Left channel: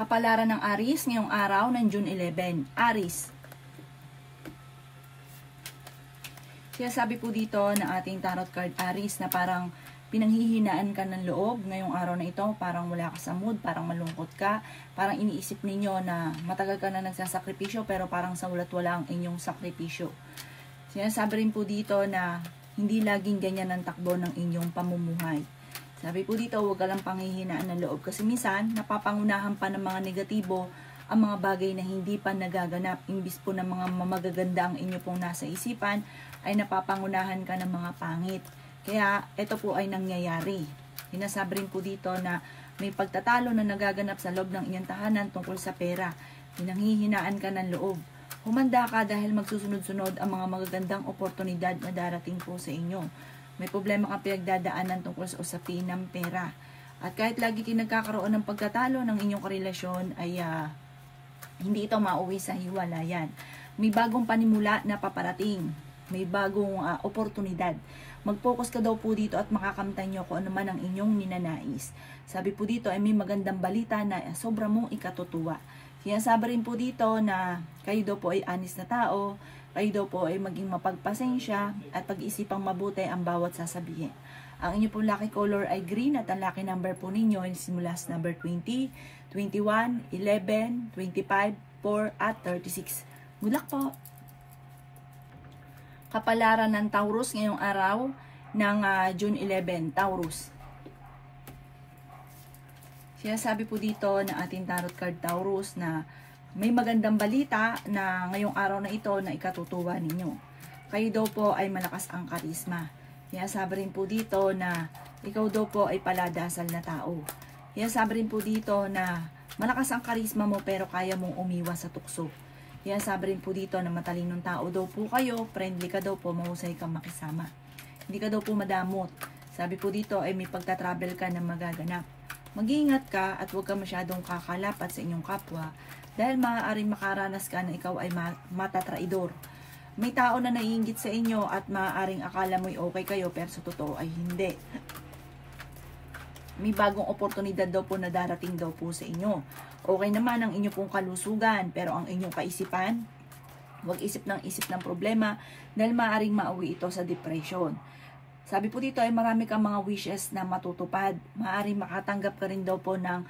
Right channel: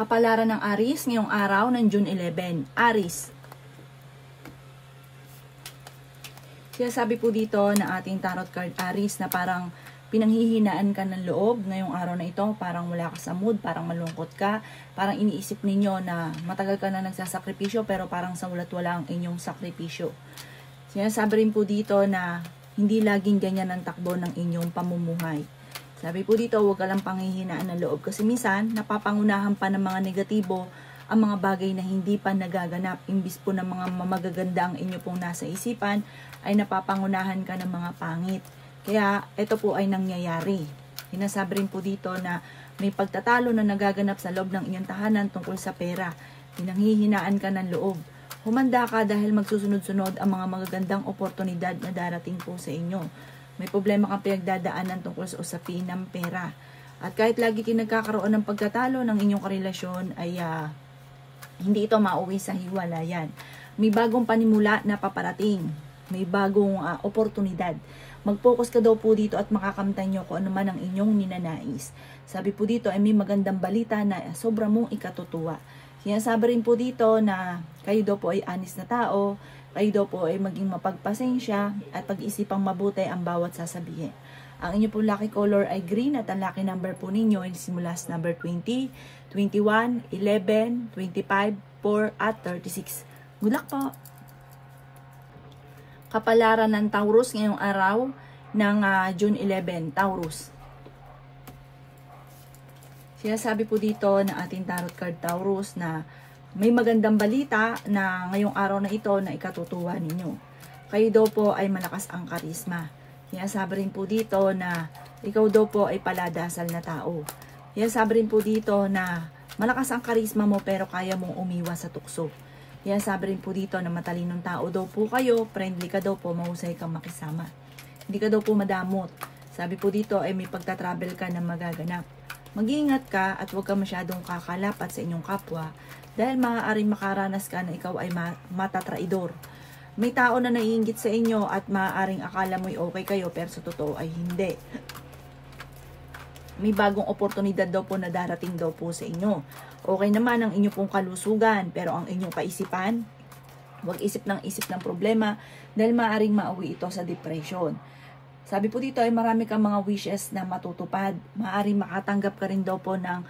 Kapalaran ng Aries ngayong araw ng June 11. Aries. Sinasabi po dito ng ating tarot card Aries na parang pinanghihinaan ka ng loob ngayong araw na ito. Parang wala ka sa mood, parang malungkot ka. Parang iniisip ninyo na matagal ka na nagsasakripisyo pero parang sa walat-wala ang inyong sakripisyo. Sinasabi rin po dito na hindi laging ganyan ang takbo ng inyong pamumuhay. Sabi po dito, huwag ka lang panghihinaan ng loob kasi minsan napapangunahan pa ng mga negatibo ang mga bagay na hindi pa nagaganap. Imbis po ng mga magaganda ang inyo pong nasa isipan, ay napapangunahan ka ng mga pangit. Kaya ito po ay nangyayari. Sinasabi rin po dito na may pagtatalo na nagaganap sa loob ng inyong tahanan tungkol sa pera. Pinanghihinaan ka ng loob. Humanda ka dahil magsusunod-sunod ang mga magagandang oportunidad na darating po sa inyo. May problema kang pinagdadaanan tungkol sa usapin ng pera. At kahit lagi kayo nagkakaroon ng pagtatalo ng inyong karelasyon, ay hindi ito mauwi sa hiwalayan. May bagong panimula na paparating. May bagong oportunidad. Mag-focus ka daw po dito at makakamtan nyo kung ano man ang inyong ninanais. Sabi po dito ay may magandang balita na sobra mong ikatutuwa. Sinasabi rin po dito na kayo daw po ay honest na tao, kayo daw po ay maging mapagpasensya at pag-isipang mabuti ang bawat sasabihin. Ang inyo po lucky color ay green at ang lucky number po ninyo ay simula sa number 20, 21, 11, 25, 4 at 36. Good luck po! Kapalaran ng Taurus ngayong araw ng June 11, Taurus. Sinasabi po dito ng ating tarot card Taurus na may magandang balita na ngayong araw na ito na ikatutuwa ninyo. Kayo daw po ay malakas ang karisma. Sinasabi rin po dito na ikaw daw po ay paladasal na tao. Sinasabi rin po dito na malakas ang karisma mo pero kaya mong umiwas sa tukso. Sinasabi rin po dito na matalinong tao daw po kayo, friendly ka daw po, mahusay kang makisama. Hindi ka daw po madamot. Sabi po dito ay may pagta-travel ka na magaganap. Mag-iingat ka at huwag ka masyadong kakalapat sa inyong kapwa dahil maaaring makaranas ka na ikaw ay matatraidor. May tao na naiinggit sa inyo at maaaring akala mo'y okay kayo pero sa totoo ay hindi. May bagong oportunidad daw po na darating daw po sa inyo. Okay naman ang inyong pong kalusugan pero ang inyong kaisipan, huwag isip ng problema dahil maaaring mauwi ito sa depression. Sabi po dito ay marami kang mga wishes na matutupad. Maaaring makatanggap ka rin daw po ng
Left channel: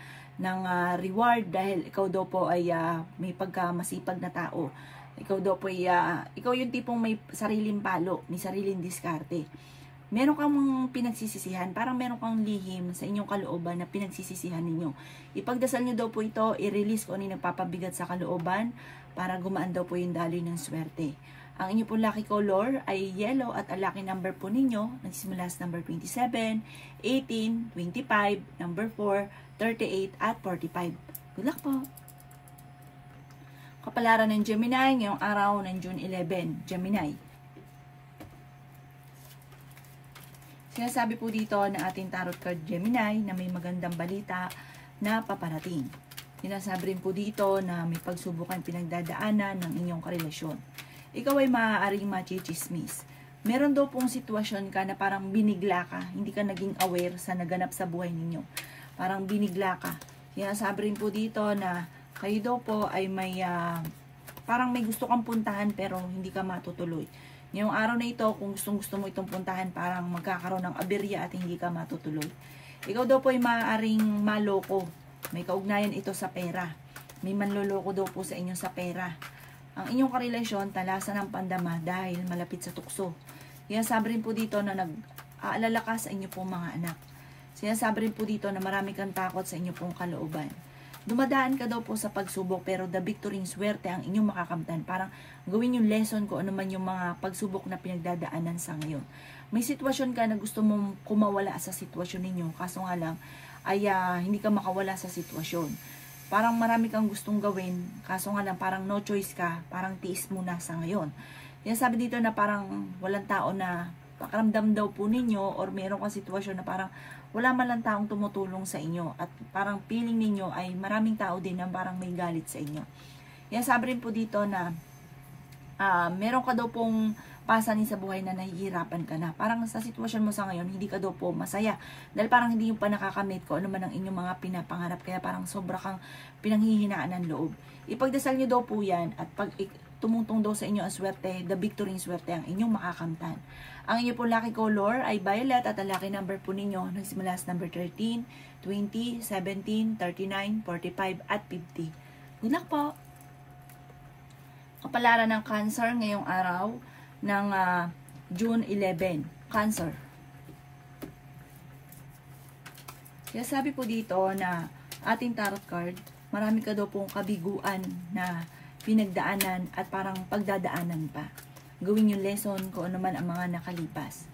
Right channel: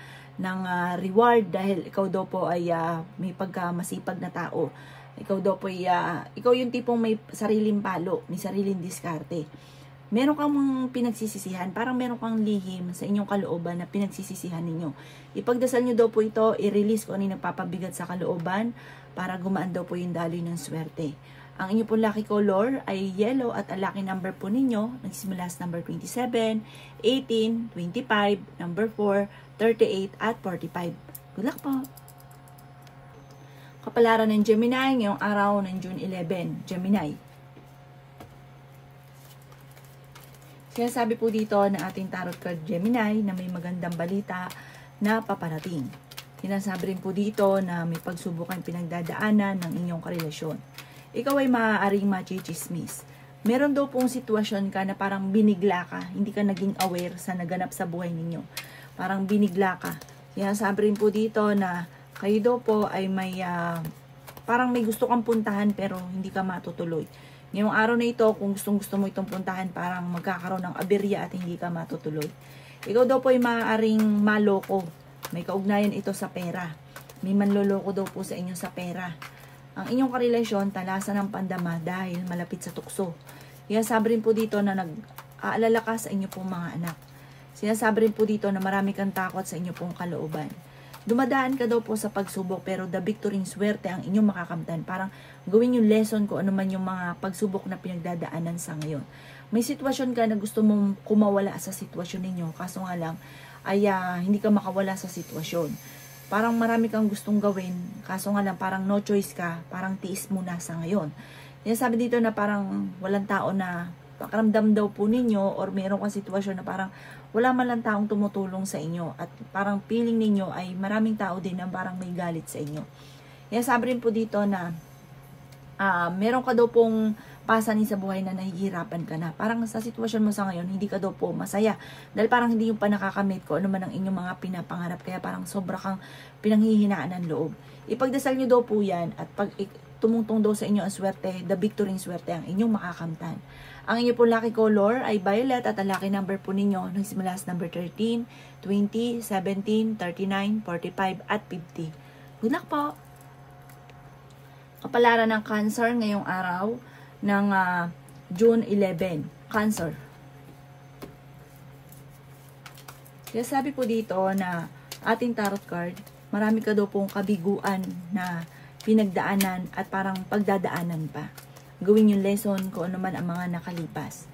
reward dahil ikaw daw po ay may pagkamasipag na tao. Ikaw daw po ay ikaw yung tipong may sariling palo, may sariling diskarte. Meron kang pinagsisisihan, parang meron kang lihim sa inyong kalooban na pinagsisisihan ninyo. Ipagdasal nyo daw po ito, i-release ko ano yung nagpapabigat sa kalooban para gumaan daw po yung daloy ng swerte. Ang inyo pong lucky color ay yellow at ang lucky number po ninyo, nagsimula sa number 27, 18, 25, number 4, 38 at 45. Good luck po! Kapalaran ng Gemini ngayong araw ng June 11, Gemini. Sinasabi po dito na ating tarot card Gemini na may magandang balita na paparating. Sinasabi rin po dito na may pagsubok ang pinagdadaanan ng inyong karelasyon. Ikaw ay maaaring machichismis. Meron daw pong sitwasyon ka na parang binigla ka, hindi ka naging aware sa naganap sa buhay ninyo. Parang binigla ka. Sinasabi rin po dito na kayo daw po ay may parang may gusto kang puntahan pero hindi ka matutuloy. Ngayong araw na ito, kung gusto mo itong puntahan, parang magkakaroon ng aberya at hindi ka matutuloy. Ikaw daw po ay maaaring maloko. May kaugnayan ito sa pera. May manloloko daw po sa inyo sa pera. Ang inyong karelasyon, talasan ng pandama dahil malapit sa tukso. Sinasabi rin po dito na nag-aalala ka sa inyo pong mga anak. Sinasabi rin po dito na marami kang takot sa inyo pong kalooban. Dumadaan ka daw po sa pagsubok pero the victory swerte ang inyong makakamtan. Parang gawin yung lesson ko ano man yung mga pagsubok na pinagdadaanan sa ngayon. May sitwasyon ka na gusto mong kumawala sa sitwasyon ninyo, kaso nga lang ay hindi ka makawala sa sitwasyon. Parang marami kang gustong gawin, kaso nga lang parang no choice ka, parang tiis muna sa ngayon. Sabi dito na parang walang tao na pakaramdam daw po ninyo or meron kang sitwasyon na parang wala man lang taong tumutulong sa inyo at parang feeling ninyo ay maraming tao din na parang may galit sa inyo. Sabi rin po dito na meron ka daw pong pasanin sa buhay na nahihirapan ka na. Parang sa sitwasyon mo sa ngayon, hindi ka daw po masaya. Dahil parang hindi yung pa nakakamit ko ano man ang inyong mga pinapangarap. Kaya parang sobra kang pinanghihinaan ng loob. Ipagdasal nyo daw po yan at pag tumungtong daw sa inyo ang swerte, the victory swerte ang inyong makakamtan. Ang inyong po lucky color ay violet at ang lucky number po ninyo nagsimula sa number 13, 20, 17, 39, 45 at 50. Good luck po! Kapalaran ng Cancer ngayong araw ng June 11. Cancer. Kaya sabi po dito na ating tarot card, marami ka daw pong kabiguan na pinagdaanan at parang pagdadaanan pa. Gawin yung lesson kung ano man ang mga nakalipas.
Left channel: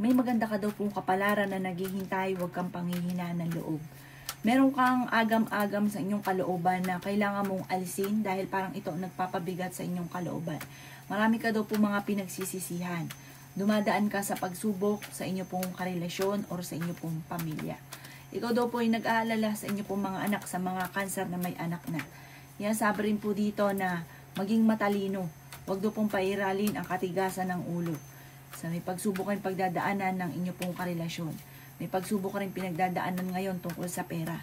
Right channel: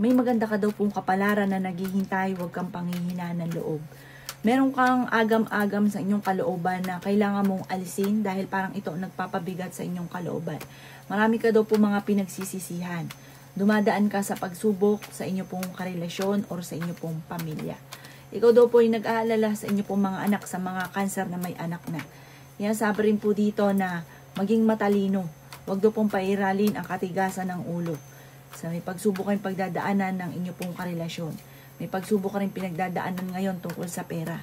May maganda ka daw pong kapalaran na naghihintay, huwag kang panghihinaan ng loob. Meron kang agam-agam sa inyong kalooban na kailangan mong alisin dahil parang ito nagpapabigat sa inyong kalooban. Marami ka daw po mga pinagsisisihan. Dumadaan ka sa pagsubok sa inyo pong karelasyon or sa inyo pong pamilya. Ikaw daw po ay nag-aalala sa inyo pong mga anak, sa mga Cancer na may anak na. Yan, sabi rin po dito na maging matalino. Huwag daw pong pairalin ang katigasan ng ulo. Sa may pagsubok kayong pagdadaanan ng inyo pong karelasyon. May pagsubok ka rin pinagdadaanan ngayon tungkol sa pera.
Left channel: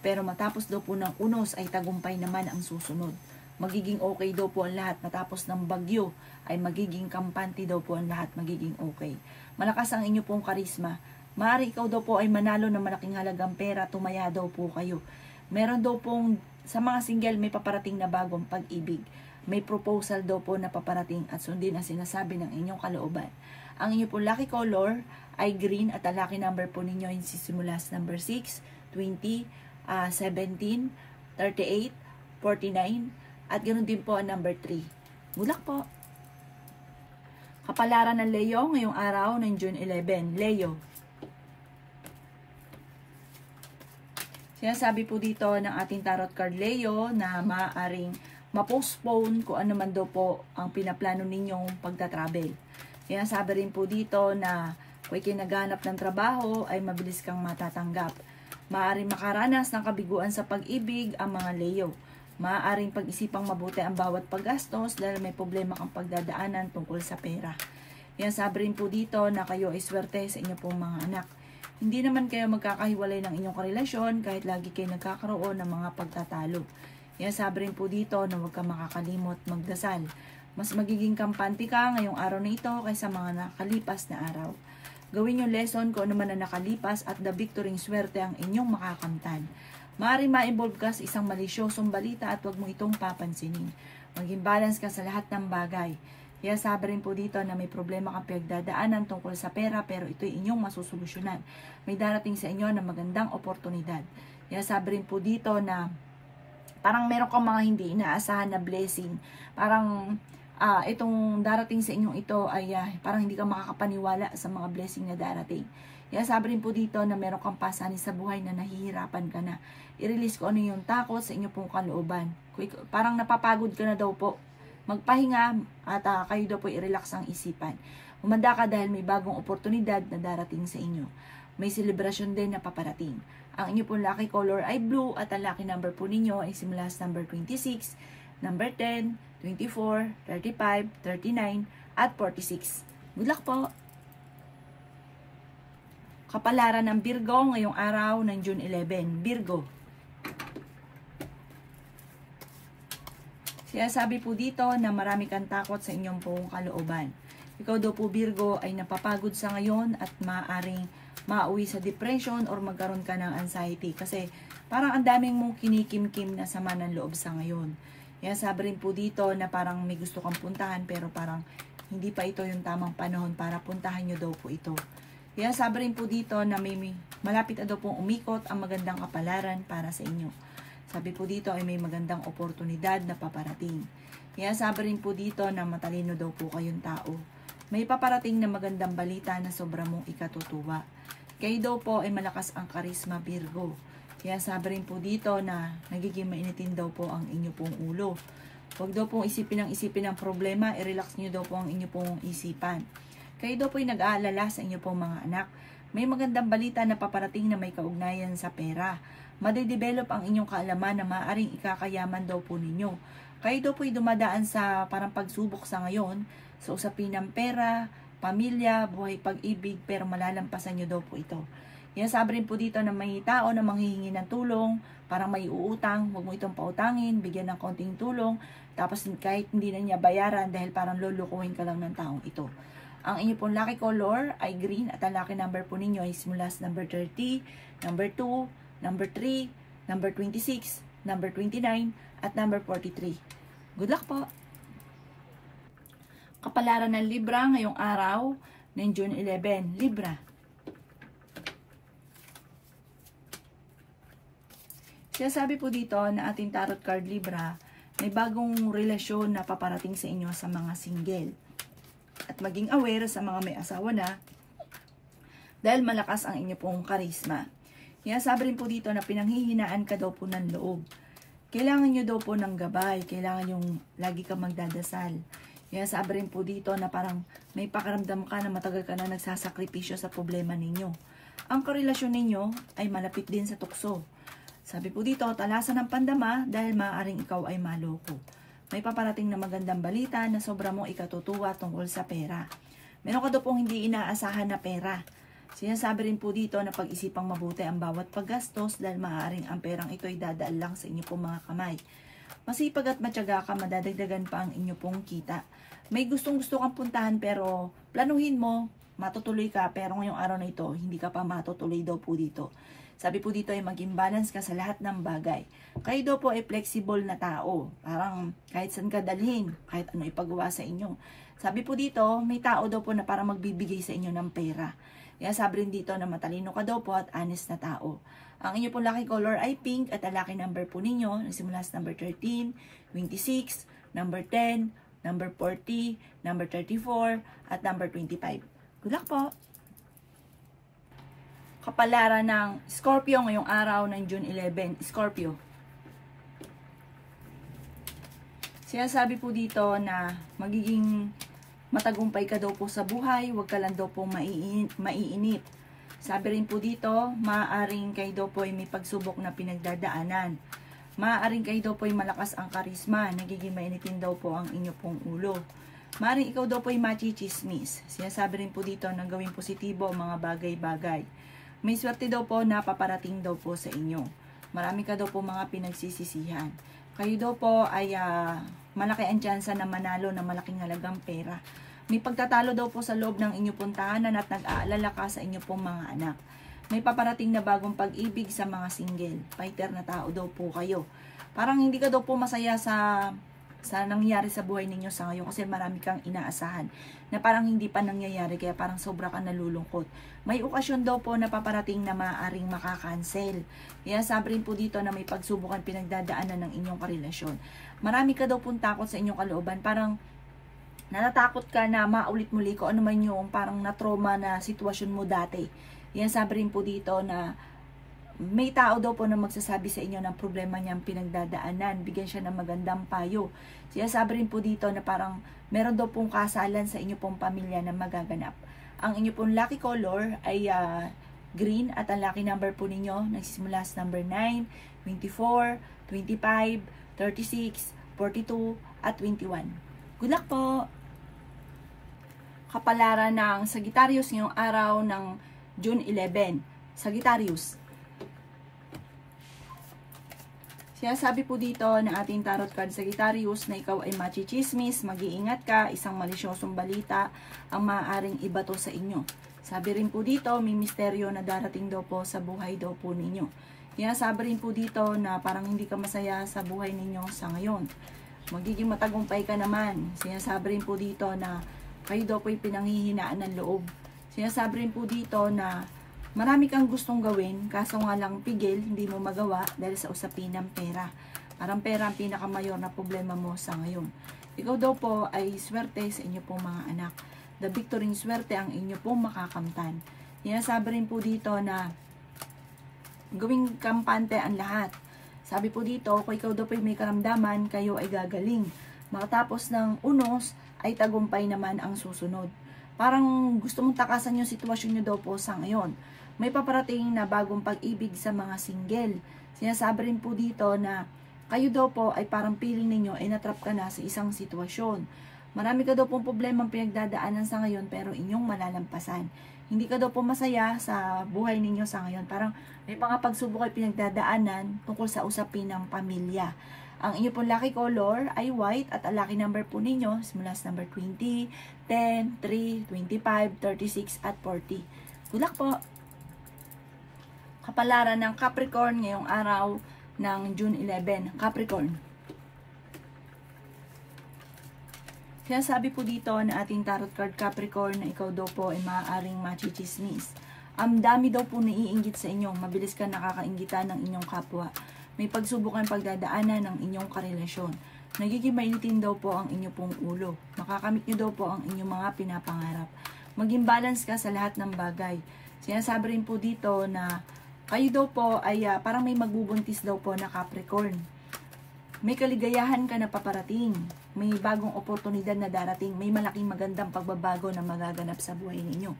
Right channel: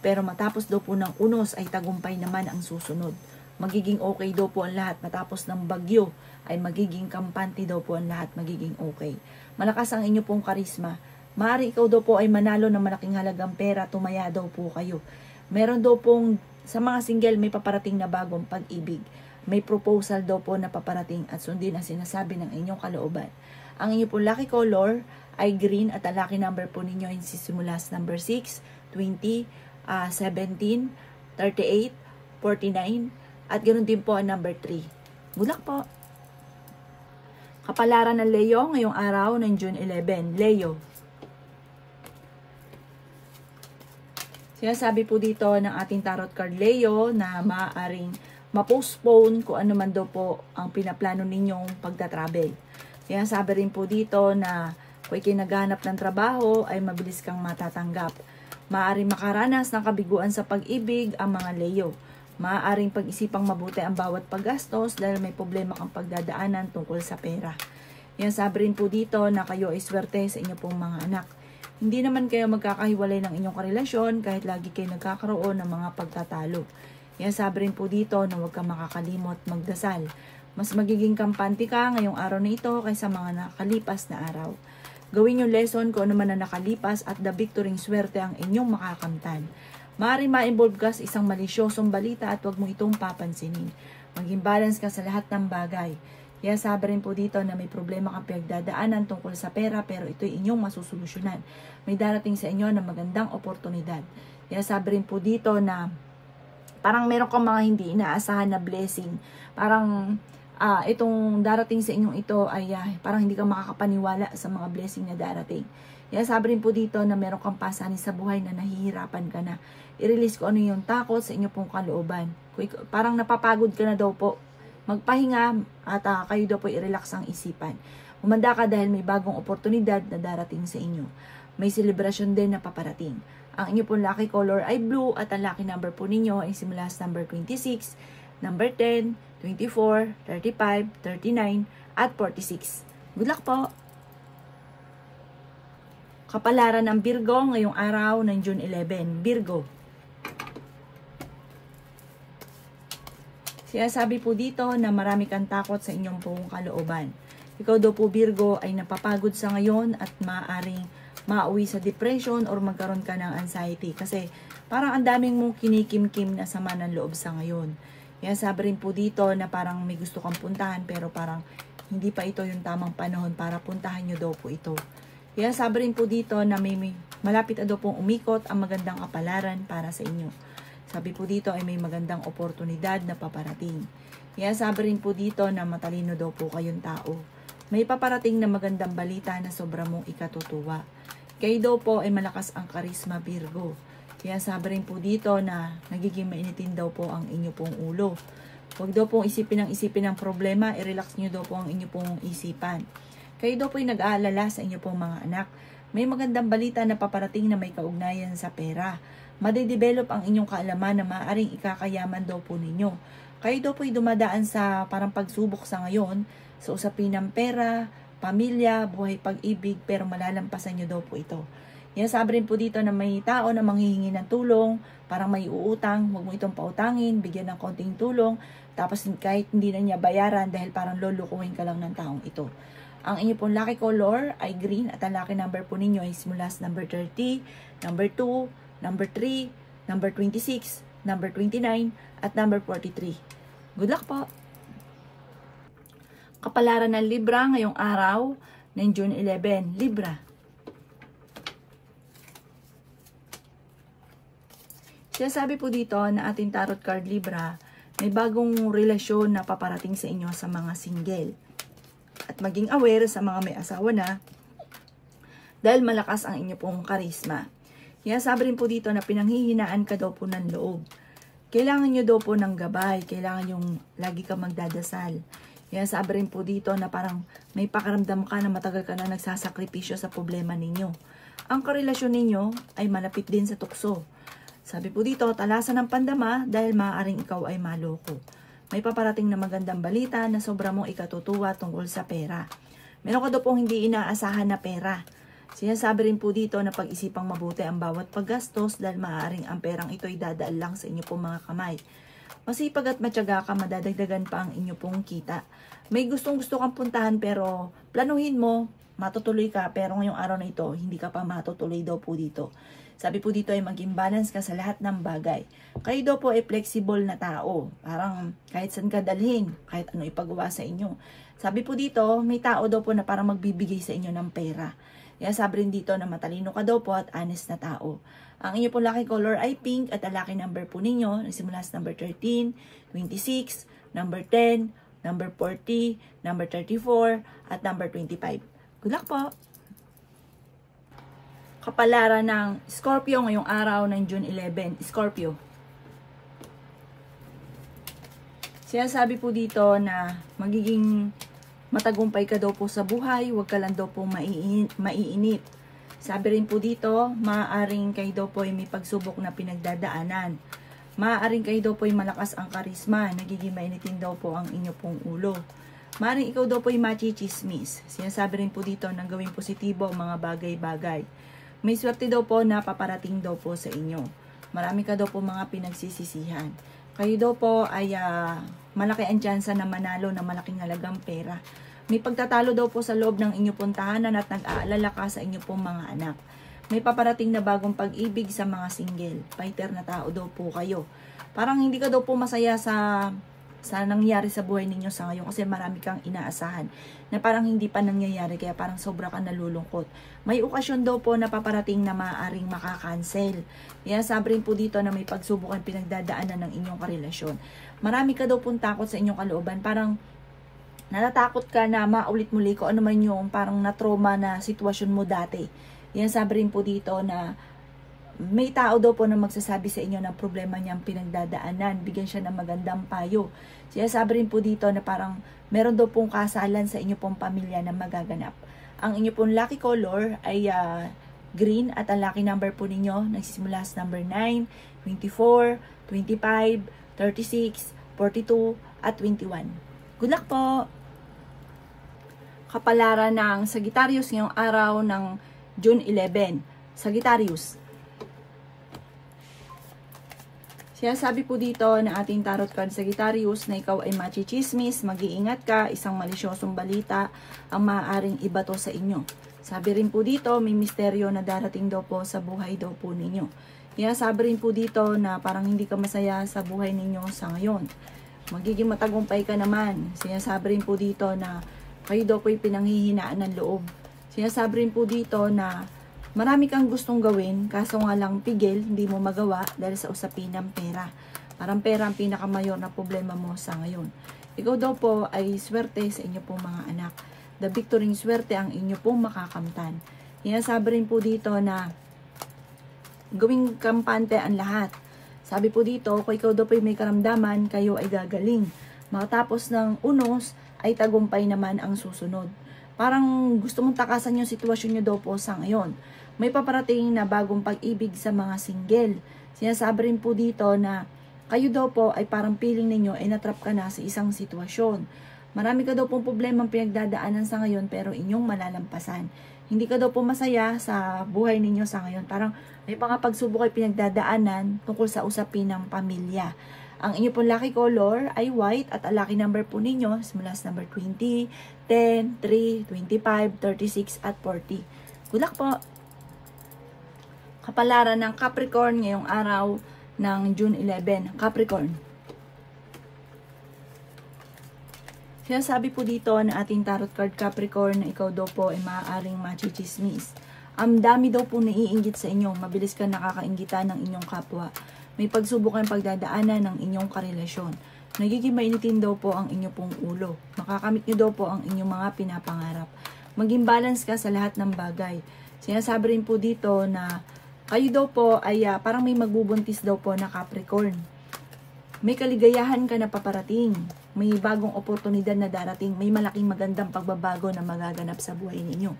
Pero matapos daw po ng unos ay tagumpay naman ang susunod. Magiging okay daw po ang lahat. Matapos ng bagyo ay magiging kampante daw po ang lahat. Magiging okay. Malakas ang inyo pong karisma. Maaari ikaw daw po ay manalo ng malaking halagang pera. Tumaya daw po kayo. Meron daw pong sa mga single may paparating na bagong pag-ibig. May proposal daw po na paparating at sundin ang sinasabi ng inyong kalooban. Ang inyo pong lucky color ay green at ang lucky number po ninyo ay sisimula sa number 6, 20, 17, 38, 49 at ganoon din po ang number 3. Good luck po! Kapalaran ng Leo ngayong araw ng June 11. Leo. Sinasabi po dito ng ating tarot card Leo na maaaring ma-postpone kung ano man daw po ang pinaplano ninyong pagta-travel. Sinasabi rin po dito na kung ikay naghahanap ng trabaho ay mabilis kang matatanggap. Maaaring makaranas ng kabiguan sa pag-ibig ang mga Leo. Maaaring pag-isipang mabuti ang bawat paggastos dahil may problema kang pagdadaanan tungkol sa pera. Yan, sabi rin po dito na kayo ay swerte sa inyo pong mga anak. Hindi naman kayo magkakahiwalay ng inyong karelasyon kahit lagi kayo nagkakaroon ng mga pagtatalo. Yan, sabi rin po dito na huwag kang makakalimot magdasal. Mas magiging kampante ka ngayong araw na ito kaysa mga nakalipas na araw. Gawin yung lesson kung ano man na nakalipas at the victory swerte ang inyong makakamtan. Maaaring ma-involve ka sa isang malisyosong balita at huwag mo itong papansinin. Maging balance ka sa lahat ng bagay. Kaya sabi rin po dito na may problema kang pinagdadaanan tungkol sa pera pero ito'y inyong masusolusyonan. May darating sa inyo na magandang oportunidad. Kaya sabi rin po dito na parang meron kang mga hindi inaasahan na blessing. Parang itong darating sa inyong ito ay parang hindi ka makakapaniwala sa mga blessing na darating. Kaya sabi rin po dito na meron kang pasanin sa buhay na nahihirapan ka na. I-release ko ano yung takot sa inyo pong kalooban. Parang napapagod ka na daw po. Magpahinga at kayo daw po i-relax ang isipan. Umanda ka dahil may bagong oportunidad na darating sa inyo. May celebration din na paparating. Ang inyo pong lucky color ay blue at ang lucky number po ninyo ay simula sa number 26, number 10, 24, 35, 39, at 46. Good luck po! Kapalaran ng Virgo ngayong araw ng June 11. Virgo. Sinasabi po dito na marami kang takot sa inyong pong kalooban. Ikaw daw po Virgo ay napapagod sa ngayon at maaaring mauwi sa depression or magkaroon ka ng anxiety. Kasi parang ang daming mong kinikim-kim na sama ng loob sa ngayon. Kaya sabi rin po dito na parang may gusto kang puntahan pero parang hindi pa ito yung tamang panahon para puntahan nyo daw po ito. Kaya sabi rin po dito na may malapit na daw pong umikot ang magandang kapalaran para sa inyo. Sabi po dito ay may magandang oportunidad na paparating. Kaya sabi rin po dito na matalino daw po kayong tao. May paparating na magandang balita na sobra mong ikatutuwa. Kayo daw po ay malakas ang karisma Virgo. Kaya sabi rin po dito na nagiging mainitin daw po ang inyo pong ulo. Huwag daw pong isipin ng problema, i-relax nyo daw po ang inyo pong isipan. Kayo daw po ay nag-aalala sa inyo pong mga anak. May magandang balita na paparating na may kaugnayan sa pera. Madedevelop ang inyong kaalaman na maaaring ikakayaman daw po ninyo. Kayo daw po ay dumadaan sa parang pagsubok sa ngayon. sa usapin ng pera, pamilya, buhay pag-ibig, pero malalampasan nyo daw po ito. Yan, sabi rin po dito na may tao na manghihingi ng tulong, parang may uutang, huwag mo itong pautangin, bigyan ng konting tulong, tapos kahit hindi na niya bayaran dahil parang lulukuhin ka lang ng taong ito. Ang inyo pong lucky color ay green at ang lucky number po ninyo ay mula sa number 30, number 2, number 3, number 26, number 29, at number 43. Good luck po! Kapalaran ng Libra ngayong araw ng June 11. Libra. Sinasabi po dito na ating tarot card Libra, may bagong relasyon na paparating sa inyo sa mga single. At maging aware sa mga may asawa na dahil malakas ang inyo pong karisma. Sinasabi rin po dito na pinanghihinaan ka daw po ng loob. Kailangan nyo daw po ng gabay, kailangan yung lagi ka magdadasal. Sinasabi rin po dito na parang may pakaramdam ka na matagal ka na nagsasakripisyo sa problema ninyo. Ang karelasyon ninyo ay malapit din sa tukso. Sabi po dito, talasan ng pandama dahil maaaring ikaw ay maloko. May paparating na magandang balita na sobra mong ikatutuwa tungkol sa pera. Meron ka daw pong hindi inaasahan na pera. Sinasabi rin po dito na pag-isipang mabuti ang bawat paggastos dahil maaaring ang perang ito ay dadaan lang sa inyo pong mga kamay. Masipag at matyaga ka, madadagdagan pa ang inyo pong kita. May gustong-gusto kang puntahan pero planuhin mo, matutuloy ka, pero ngayong araw na ito, hindi ka pa matutuloy daw po dito. Sabi po dito ay maging balance ka sa lahat ng bagay. Kayo daw po ay flexible na tao. Parang kahit saan ka dalhin, kahit ano ipagawa sa inyo. Sabi po dito, may tao daw po na parang magbibigay sa inyo ng pera. Kaya sabi rin dito na matalino ka daw po at honest na tao. Ang inyo po lucky color ay pink at ang lucky number po ninyo, nagsimula sa number 13, 26, number 10, number 40, number 34, at number 25. Good luck po! Kapalaran ng Scorpio ngayong araw ng June 11. Scorpio. Sinasabi po dito na magiging matagumpay ka daw po sa buhay, huwag ka lang daw po maiinip. Sabi rin po dito, maaaring kayo daw po ay may pagsubok na pinagdadaanan. Maaaring kayo daw po ay malakas ang karisma, nagiging mainitin daw po ang inyo pong ulo. Maaaring ikaw daw po ay machichismis. Sinasabi rin po dito na gawing positibo ang mga bagay-bagay. May swerte daw po na paparating daw po sa inyo. Marami ka daw po mga pinagsisisihan. Kayo daw po ay malaki ang tsansa na manalo na malaking halagang pera. May pagtatalo daw po sa loob ng inyong pong tahanan at nag-aalala ka sa inyong pong mga anak. May paparating na bagong pag-ibig sa mga single. Fighter na tao daw po kayo. Parang hindi ka daw po masaya sa nangyayari sa buhay ninyo sa ngayon kasi marami kang inaasahan na parang hindi pa nangyayari kaya parang sobra ka nalulungkot. May okasyon daw po na paparating na maaaring makakancel. Kaya sabi rin po dito na may pagsubukan pinagdadaanan ng inyong karelasyon. Marami ka daw pong takot sa inyong kalooban. Parang natatakot ka na maulit muli ko ano man yung parang na-trauma na sitwasyon mo dati. Yan sabi rin po dito na may tao daw po na magsasabi sa inyo ng problema niyang pinagdadaanan. Bigyan siya ng magandang payo. Sabi rin po dito na parang meron daw pong kasalan sa inyo pong pamilya na magaganap. Ang inyo pong lucky color ay green at ang lucky number po ninyo nagsisimula sa number 9, 24, 25, 36, 42, at 21. Good luck po! Kapalaran ng Sagittarius ngayong araw ng June 11. Sagittarius. Sinasabi po dito na ating tarot card Sagittarius na ikaw ay machichismis, mag-iingat ka, isang malisyosong balita ang maaaring ibato sa inyo. Sabi rin po dito, may misteryo na darating daw po sa buhay daw po ninyo. Sabi rin po dito na parang hindi ka masaya sa buhay ninyo sa ngayon. Magiging matagumpay ka naman. Sinasabi rin po dito na kayo daw po ay pinanghihinaan ng loob. Sinasabi rin po dito na marami kang gustong gawin, kaso nga lang pigil, hindi mo magawa dahil sa usapin ng pera. Parang pera ang pinakamayor na problema mo sa ngayon. Ikaw daw po ay swerte sa inyo pong mga anak. The victory swerte ang inyo pong makakamtan. Sinasabi rin po dito na gawing kampante ang lahat. Sabi po dito, kung ikaw daw po ay may karamdaman, kayo ay gagaling. Makatapos ng unos, ay tagumpay naman ang susunod. Parang gusto mong takasan yung sitwasyon nyo daw po sa ngayon. May paparating na bagong pag-ibig sa mga single. Sinasabi rin po dito na kayo daw po ay parang feeling ninyo ay natrap ka na sa isang sitwasyon. Marami ka daw pong problemang pinagdadaanan sa ngayon pero inyong malalampasan. Hindi ka daw po masaya sa buhay ninyo sa ngayon. Parang may mga pagsubok ay pinagdadaanan tungkol sa usapin ng pamilya. Ang inyo pong lucky color ay white at ang lucky number po ninyo simula sa number 20, 10, 3, 25, 36 at 40. Good luck po! Kapalaran ng Capricorn ngayong araw ng June 11. Capricorn. Sinasabi po dito na ating tarot card Capricorn na ikaw daw po ay maaaring machichismis. Ang dami daw po naiinggit sa inyo. Mabilis ka nakakainggitan ng inyong kapwa. May pagsubok ang pagdadaanan ng inyong karelasyon. Nagiging mainitin daw po ang inyong pong ulo. Makakamit nyo daw po ang inyong mga pinapangarap. Maging balance ka sa lahat ng bagay. Sinasabi rin po dito na kayo daw po ay parang may magbubuntis daw po na Capricorn. May kaligayahan ka na paparating. May bagong oportunidad na darating. May malaking magandang pagbabago na magaganap sa buhay ninyo.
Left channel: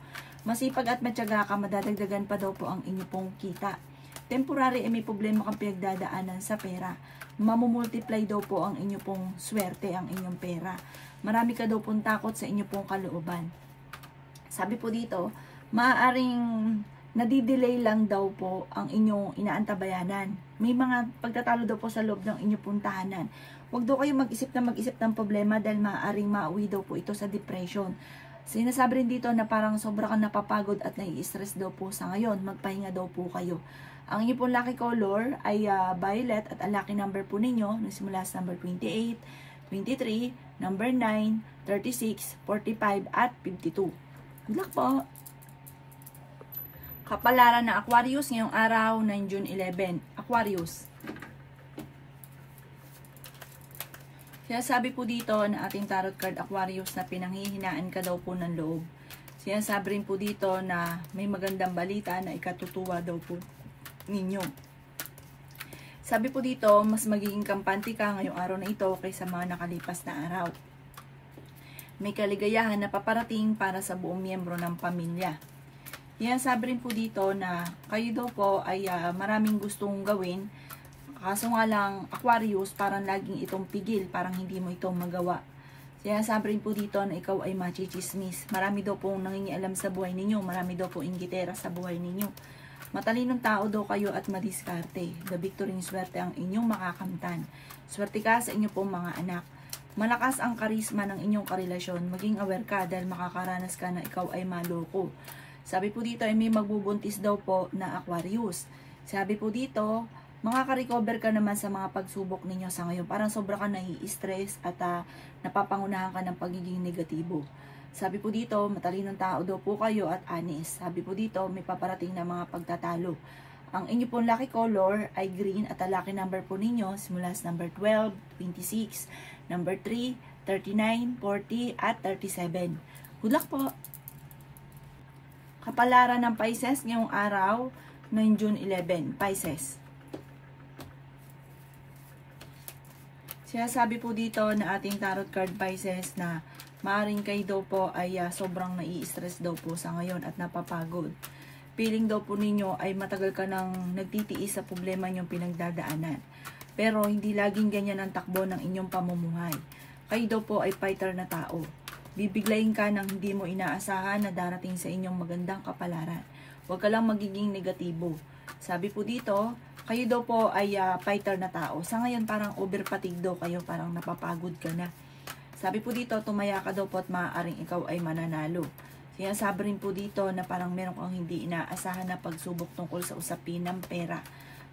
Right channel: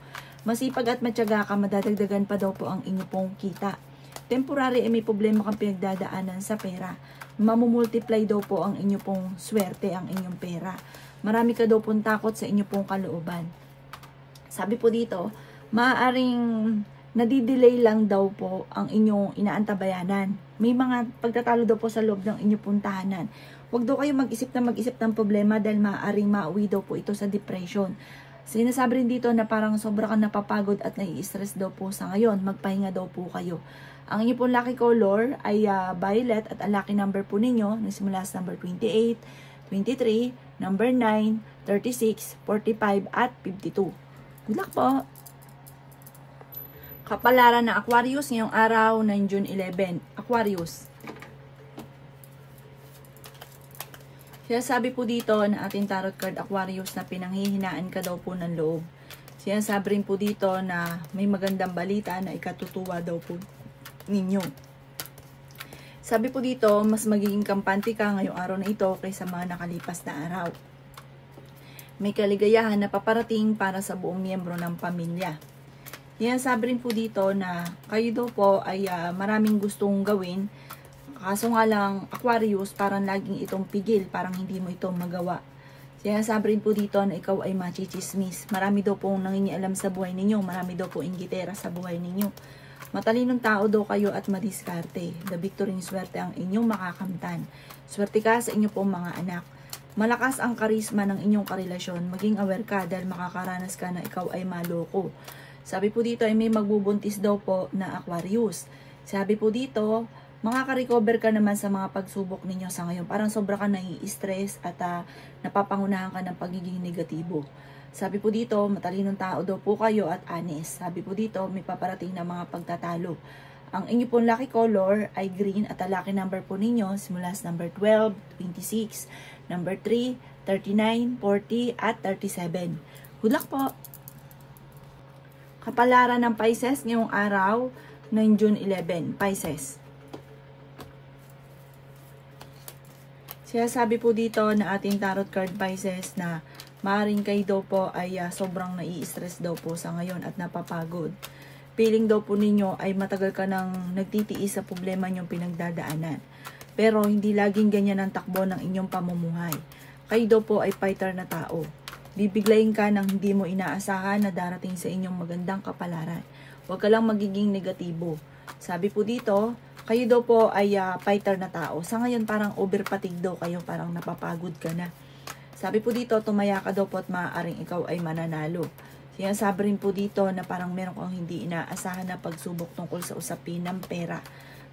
Masipag at matyaga ka, madadagdagan pa daw po ang inyo pong kita. Temporary ay may problema kang pinagdadaanan sa pera. Mamumultiply daw po ang inyo pong swerte, ang inyong pera. Marami ka daw pong takot sa inyo pong kalooban. Sabi po dito, maaaring nadidelay lang daw po ang inyong inaantabayanan. May mga pagtatalo daw po sa loob ng inyong pong tahanan. Huwag daw kayo mag-isip ng problema dahil maaaring mauwi daw po ito sa depression. Sinasabi rin dito na parang sobra kang napapagod at nai-stress daw po sa ngayon. Magpahinga daw po kayo. Ang inyong pong lucky color ay violet at ang lucky number po ninyo nagsimula sa number 28, 23, number 9, 36, 45 at 52. Good luck po! Kapalaran ng Aquarius ngayong araw ng June 11. Aquarius. Sinasabi po dito na ating tarot card Aquarius na pinanghihinaan ka daw po ng loob. Sinasabi rin po dito na may magandang balita na ikatutuwa daw po ninyo. Sabi po dito, mas magiging kampante ka ngayong araw na ito kaysa mga nakalipas na araw. May kaligayahan na paparating para sa buong miyembro ng pamilya. Yan, sabi rin po dito na kayo daw po ay maraming gustong gawin. Kaso nga lang, Aquarius, parang laging itong pigil, parang hindi mo ito magawa. Sabi rin po dito na ikaw ay machichismis. Marami daw pong nangingialam sa buhay ninyo. Marami daw pong inggitera sa buhay ninyo. Matalinong tao daw kayo at madiskarte. The victory swerte ang inyong makakamtan. Swerte ka sa inyong pong mga anak. Malakas ang karisma ng inyong karelasyon. Maging aware ka dahil makakaranas ka na ikaw ay maloko. Sabi po dito ay may magbubuntis daw po na Aquarius. Sabi po dito, makaka-recover ka naman sa mga pagsubok ninyo sa ngayon. Parang sobra ka nai-stress at napapangunahan ka ng pagiging negatibo. Sabi po dito, matalinong tao daw po kayo at honest. Sabi po dito, may paparating na mga pagtatalo. Ang inyo pong lucky color ay green at ang lucky number po ninyo simula sa number 12, 26, number 3, 39, 40 at 37. Good luck po! Kapalaran ng Pisces ngayong araw ng June 11. Pisces. Sinasabi po dito na ating tarot card Pisces na maaaring kayo daw po ay sobrang nai-stress daw po sa ngayon at napapagod. Feeling daw po ninyo ay matagal ka nang nagtitiis sa problema nyong pinagdadaanan. Pero hindi laging ganyan ang takbo ng inyong pamumuhay. Kayo daw po ay fighter na tao. Bibiglayin ka ng hindi mo inaasahan na darating sa inyong magandang kapalaran. Huwag ka lang magiging negatibo. Sabi po dito, kayo daw po ay fighter na tao. Sa ngayon parang overfatigue daw kayo, parang napapagod ka na. Sabi po dito, tumaya ka daw po at maaaring ikaw ay mananalo. Sinasabi rin po dito na parang meron kang hindi inaasahan na pagsubok tungkol sa usapin ng pera.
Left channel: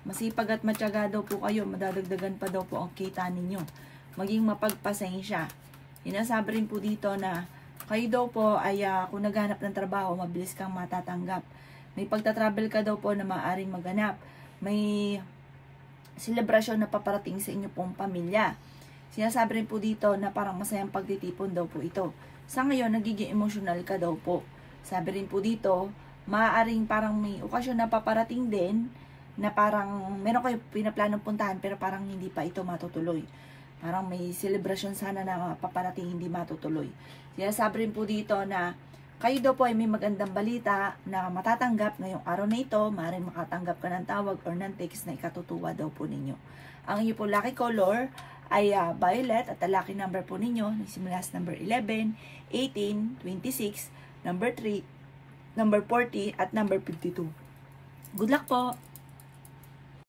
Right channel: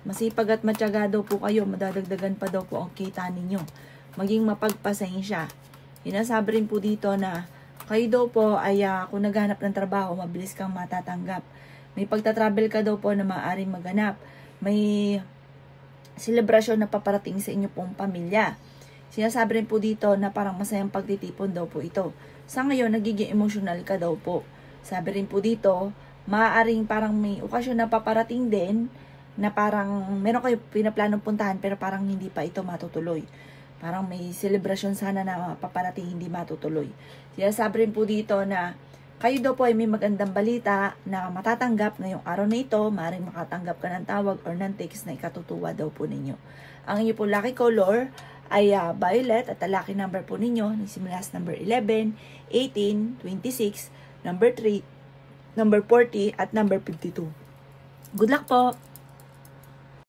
Masipag at matyaga daw po kayo, madadagdagan pa daw po ang kita ninyo. Maging mapagpasensya. Sinasabi rin po dito na kayo daw po ay kung naghanap ng trabaho, mabilis kang matatanggap. May pagtatravel ka daw po na maaaring maganap. May selebrasyon na paparating sa inyo pong pamilya. Sinasabi rin po dito na parang masayang pagtitipon daw po ito. Sa ngayon, nagiging emotional ka daw po. Sabi rin po dito, maaaring parang may okasyon na paparating din na parang meron kayo pinaplanong puntahan pero parang hindi pa ito matutuloy. Parang may celebration sana na paparating hindi matutuloy. Sinasabi rin po dito na kayo daw po ay may magandang balita na matatanggap ngayong araw na ito. Maaaring makatanggap ka ng tawag or ng text na ikatutuwa daw po ninyo. Ang inyo po lucky color ay violet at ang lucky number po ninyo nagsimula sa number 11, 18, 26, number 3, number 40 at number 52. Good luck po!